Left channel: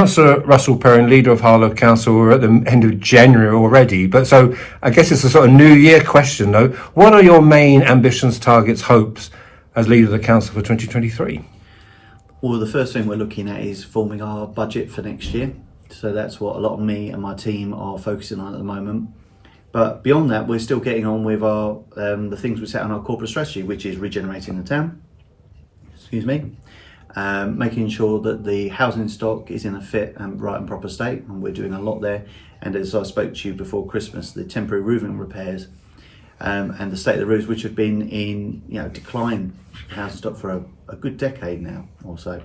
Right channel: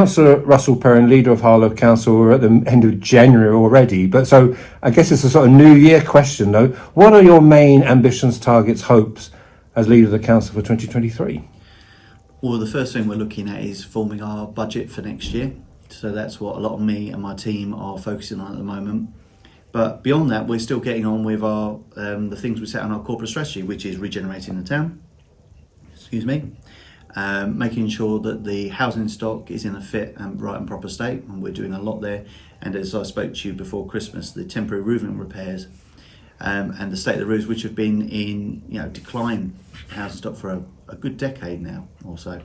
Councillor Russell Perrin, leader of Harlow Council, we're at the end of January already, but so I guess it's a sort of new year question though. What are your main ambitions, targets, hopes as leader of the council for 2023? Well, the first thing we're looking at is forming our budget for next year. So that's what a lot of me and my team are focusing on at the moment. But beyond that, we're still getting on with our the things we set on our corporate strategy, which is regenerating the town. Making sure that the housing stock is in a fit and right and proper state, and we're doing a lot there. And as I spoke to you before Christmas, the temporary roofing repairs and the state of the roofs, which have been in decline housing stock for a good decade now or so,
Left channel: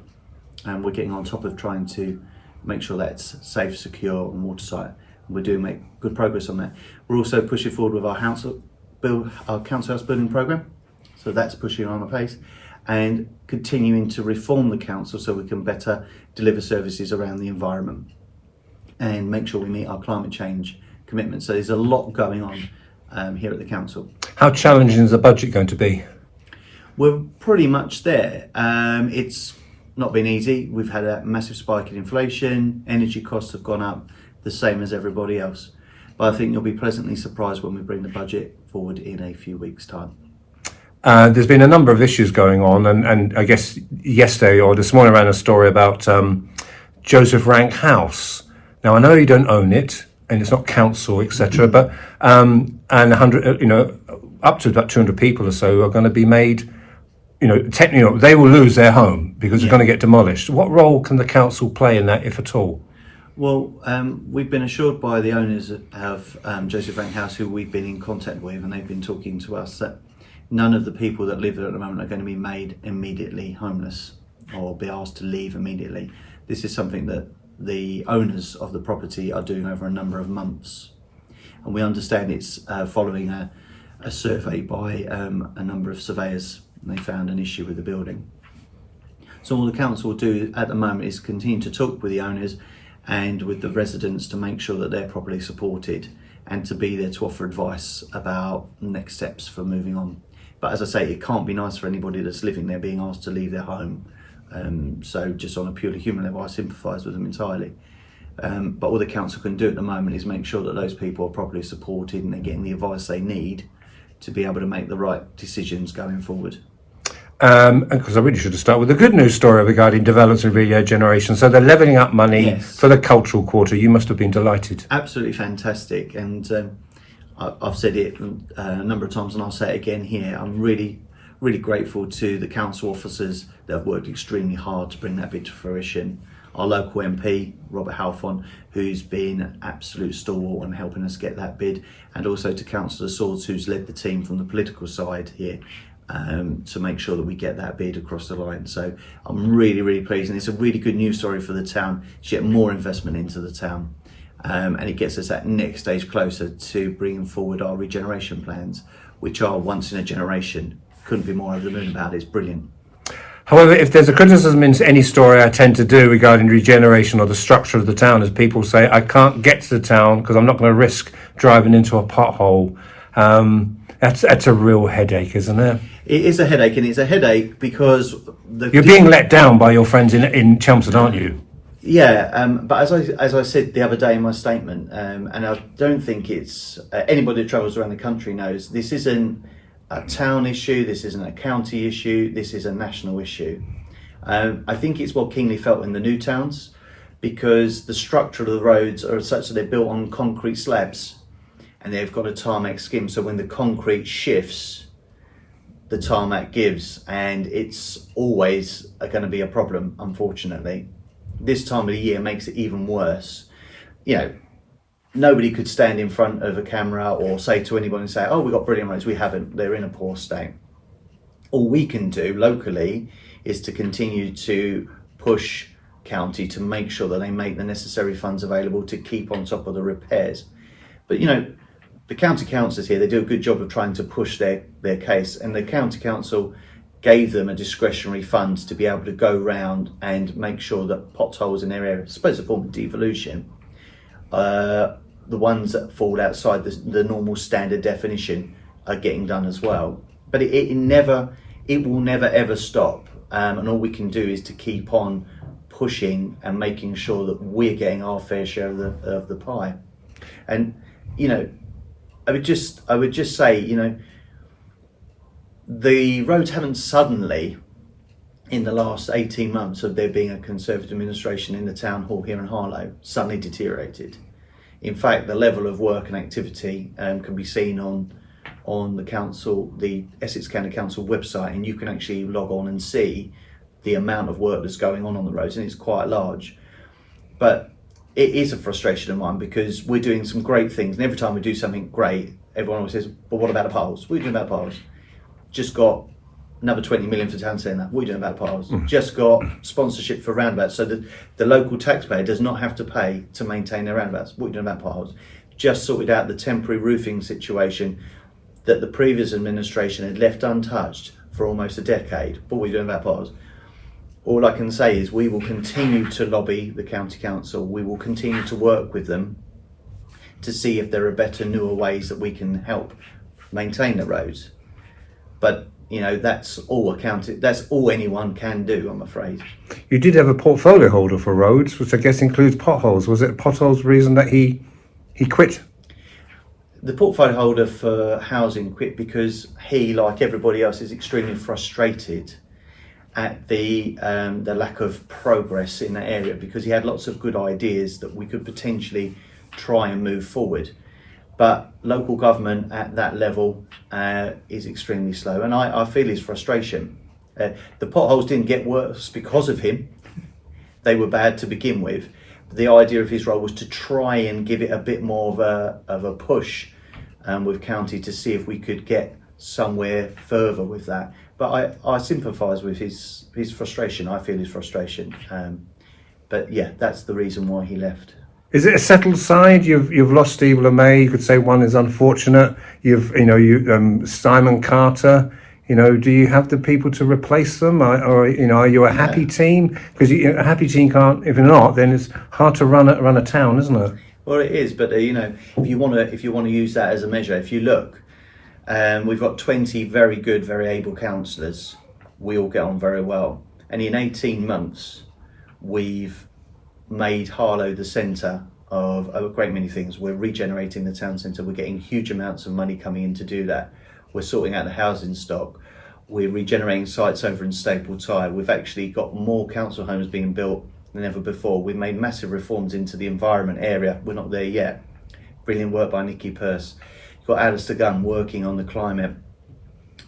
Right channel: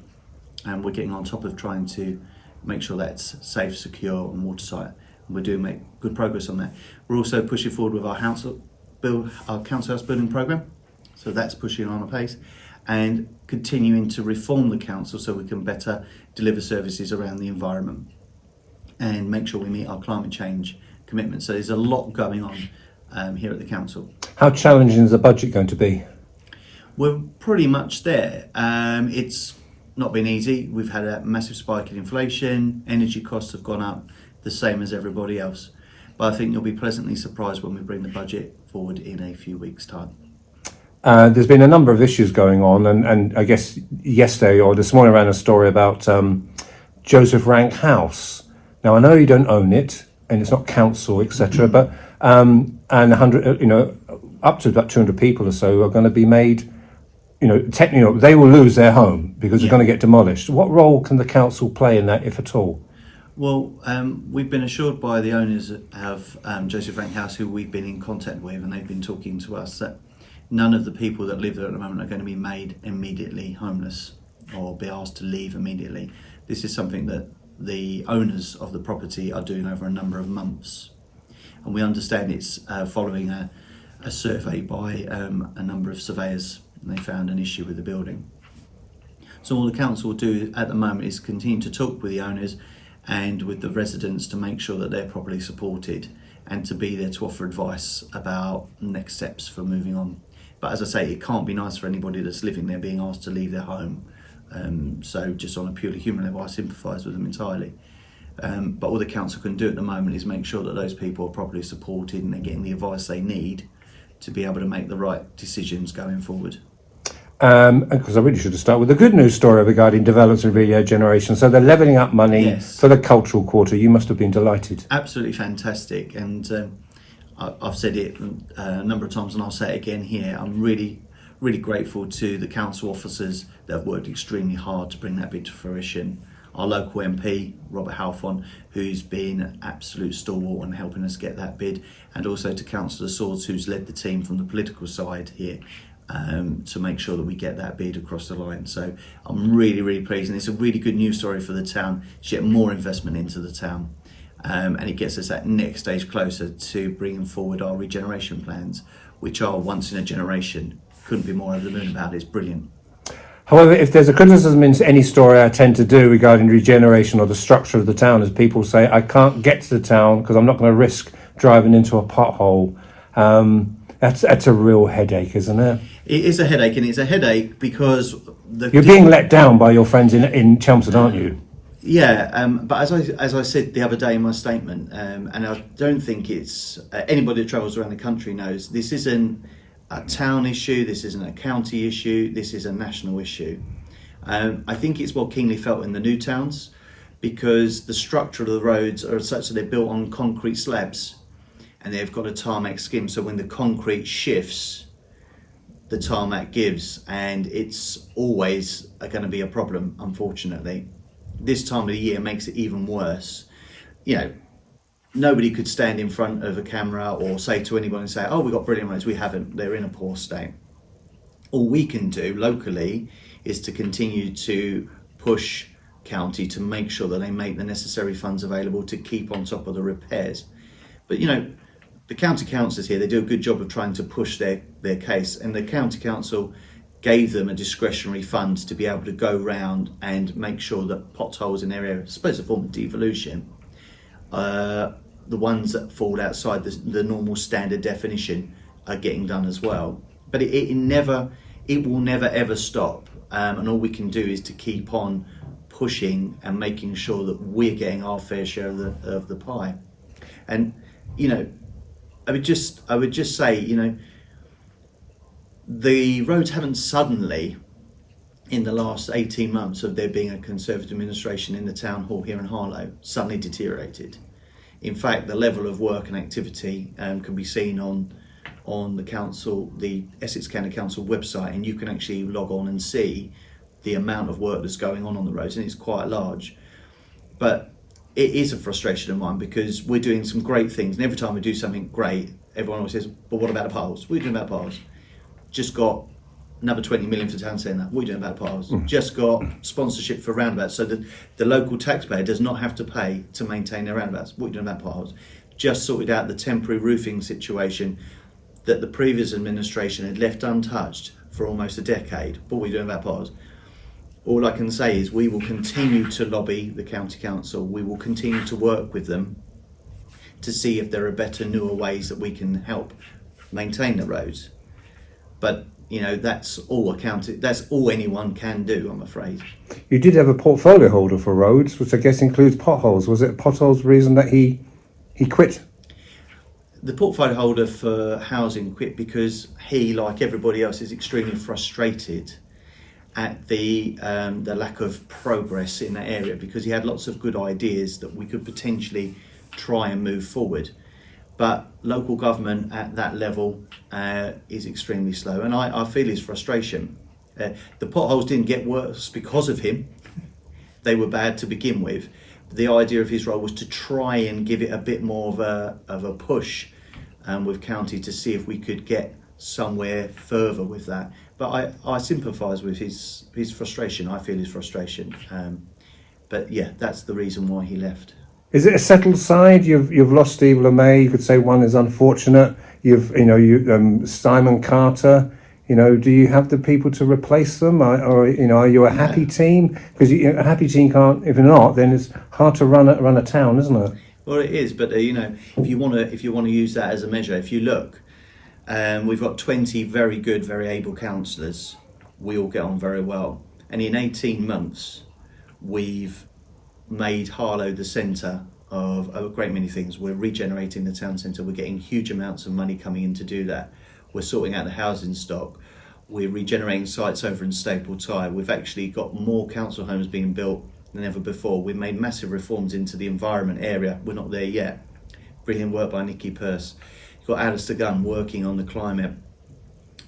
and we're getting on top of trying to make sure that's safe, secure and watertight. We're doing make good progress on that. We're also pushing forward with our council house building programme, so that's pushing on a pace, and continuing to reform the council so we can better deliver services around the environment and make sure we meet our climate change commitments. So there's a lot going on here at the council. How challenging is the budget going to be? We're pretty much there. It's not been easy. We've had a massive spike in inflation, energy costs have gone up, the same as everybody else. But I think you'll be pleasantly surprised when we bring the budget forward in a few weeks' time. There's been a number of issues going on, and I guess yesterday or this morning I ran a story about Joseph Rank House. Now I know you don't own it, and it's not council, etc. But and 100, up to about 200 people or so are going to be made. Technically, they will lose their home because it's going to get demolished. What role can the council play in that, if at all? Well, we've been assured by the owners of Joseph Rank House, who we've been in contact with, and they've been talking to us, that none of the people that live there at the moment are going to be made immediately homeless or be asked to leave immediately. This is something that the owners of the property are doing over a number of months. And we understand it's following a survey by a number of surveyors, and they found an issue with the building. So all the council will do at the moment is continue to talk with the owners and with the residents to make sure that they're properly supported and to be there to offer advice about next steps for moving on. But as I say, it can't be nice for anybody that's living there being asked to leave their home. So just on a purely human level, I sympathise with them entirely. But all the council can do at the moment is make sure that those people are properly supported and they're getting the advice they need to be able to make the right decisions going forward. Because I really should have started with the good news story regarding development and regeneration. So they're levelling up money for the cultural quarter. You must have been delighted. Absolutely fantastic. And I've said it a number of times and I'll say it again here. I'm really grateful to the council officers that have worked extremely hard to bring that bid to fruition. Our local MP, Robert Halfon, who's been an absolute stalwart in helping us get that bid, and also to Councillor Swords, who's led the team from the political side here to make sure that we get that bid across the line. So I'm really pleased, and it's a really good news story for the town to get more investment into the town. And it gets us that next stage closer to bringing forward our regeneration plans, which are once in a generation. Couldn't be more over the moon about it. It's brilliant. However, if there's a criticism in any story I tend to do regarding regeneration or the structure of the town, is people say, I can't get to the town because I'm not going to risk driving into a pothole. That's a real headache, isn't it? It is a headache, and it's a headache because you're being let down by your friends in Chelmsford, aren't you? Yeah, but as I said the other day in my statement, and I don't think it's anybody that travels around the country knows this isn't a town issue, this isn't a county issue, this is a national issue. I think it's more keenly felt in the new towns because the structure of the roads are such that they're built on concrete slabs and they've got a tarmac skim, so when the concrete shifts, the tarmac gives, and it's always going to be a problem, unfortunately. This time of the year makes it even worse. Nobody could stand in front of a camera or say to anyone and say, oh, we've got brilliant roads. We haven't. They're in a poor state. All we can do locally is to continue to push county to make sure that they make the necessary funds available to keep on top of the repairs. But, the county councillors here, they do a good job of trying to push their case, and the county council gave them a discretionary fund to be able to go round and make sure that potholes in their area, I suppose a form of devolution, the ones that fall outside the normal standard definition are getting done as well. But it will never ever stop, and all we can do is to keep on pushing and making sure that we're getting our fair share of the pie. And you know, I would just say, you know, the roads haven't suddenly, in the last 18 months of there being a Conservative administration in the town hall here in Harlow, suddenly deteriorated. In fact, the level of work and activity can be seen on the council, the Essex County Council website, and you can actually log on and see the amount of work that's going on the roads, and it's quite large. But it is a frustration of mine because we're doing some great things, and every time we do something great, everyone always says, but what about the potholes? What are you doing about potholes? Just got another 20 million for town centre. What are you doing about the potholes? Just got sponsorship for roundabouts, so that the local taxpayer does not have to pay to maintain their roundabouts. What are you doing about potholes? Just sorted out the temporary roofing situation that the previous administration had left untouched for almost a decade. What are we doing about potholes? All I can say is we will continue to lobby the county council. We will continue to work with them to see if there are better, newer ways that we can help maintain the roads. But you know, that's all anyone can do, I'm afraid. You did have a portfolio holder for roads, which I guess includes potholes. Was it potholes reason that he quit? The portfolio holder for housing quit because he, like everybody else, is extremely frustrated at the lack of progress in that area, because he had lots of good ideas that we could potentially try and move forward. But local government at that level is extremely slow, and I feel his frustration. The potholes didn't get worse because of him. They were bad to begin with. The idea of his role was to try and give it a bit more of a push with county to see if we could get somewhere further with that. But I sympathise with his frustration. I feel his frustration. But yeah, that's the reason why he left. Is it a settled side? You've lost Steve LeMay. You could say one is unfortunate. Simon Carter. You know, do you have the people to replace them, or you know, are you a happy team? Because a happy team can't. If you're not, then it's hard to run a town, isn't it? Well, it is. But you know, if you want to use that as a measure, if you look, we've got 20 very good, very able councillors. We all get on very well, and in 18 months, we've made Harlow the centre of a great many things. We're regenerating the town centre. We're getting huge amounts of money coming in to do that. We're sorting out the housing stock. We're regenerating sites over in Staple Tyre. We've actually got more council homes being built than ever before. We've made massive reforms into the environment area. We're not there yet. Brilliant work by Nicky Pearce. You've got Alistair Gunn working on the climate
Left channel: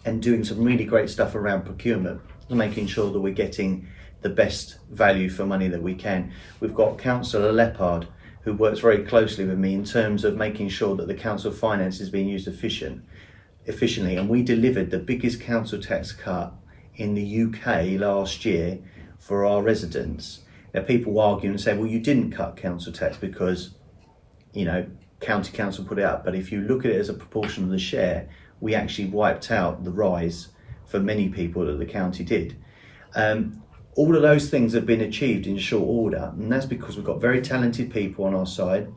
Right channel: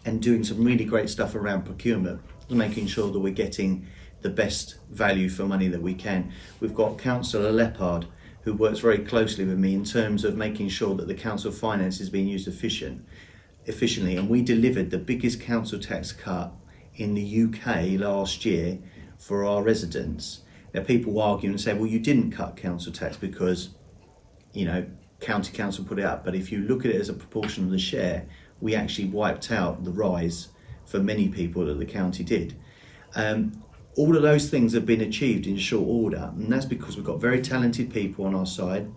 and doing some really great stuff around procurement, making sure that we're getting the best value for money that we can. We've got Councillor Leppard, who works very closely with me in terms of making sure that the council finance is being used efficiently. And we delivered the biggest council tax cut in the UK last year for our residents. Now, people argue and say, well, you didn't cut council tax because, you know, county council put it up. But if you look at it as a proportion of the share, we actually wiped out the rise for many people that the county did. All of those things have been achieved in short order, and that's because we've got very talented people on our side,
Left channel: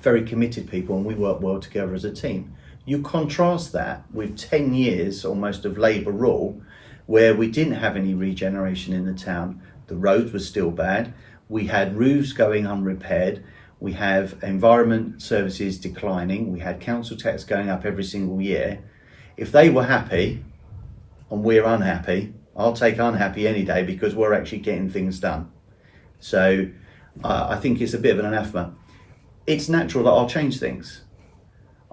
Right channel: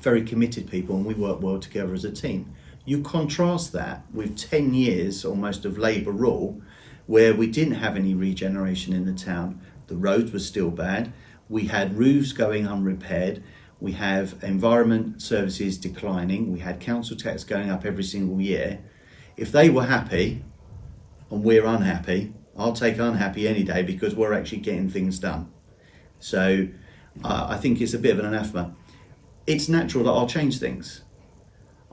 very committed people, and we work well together as a team. You contrast that with 10 years almost of Labour rule, where we didn't have any regeneration in the town. The roads were still bad. We had roofs going unrepaired. We have environment services declining. We had council tax going up every single year. If they were happy and we're unhappy, I'll take unhappy any day, because we're actually getting things done. So I think it's a bit of an anathema. It's natural that I'll change things.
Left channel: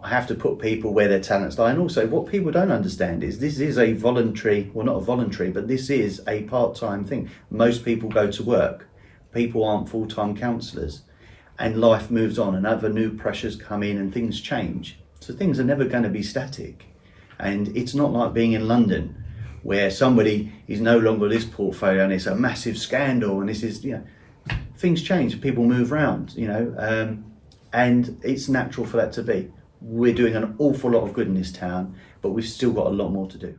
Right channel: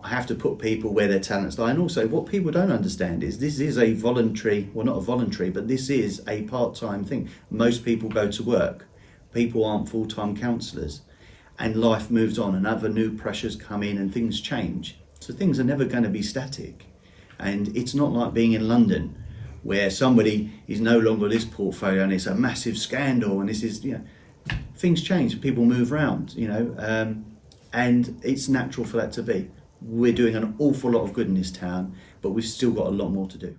I have to put people where their talents lie. And also, what people don't understand is this is a voluntary, well, not a voluntary, but this is a part-time thing. Most people go to work. People aren't full-time councillors. And life moves on and other new pressures come in and things change. So things are never going to be static. And it's not like being in London, where somebody is no longer this portfolio and it's a massive scandal, and this is, you know, things change, people move around, you know, and it's natural for that to be. We're doing an awful lot of good in this town, but we've still got a lot more to do.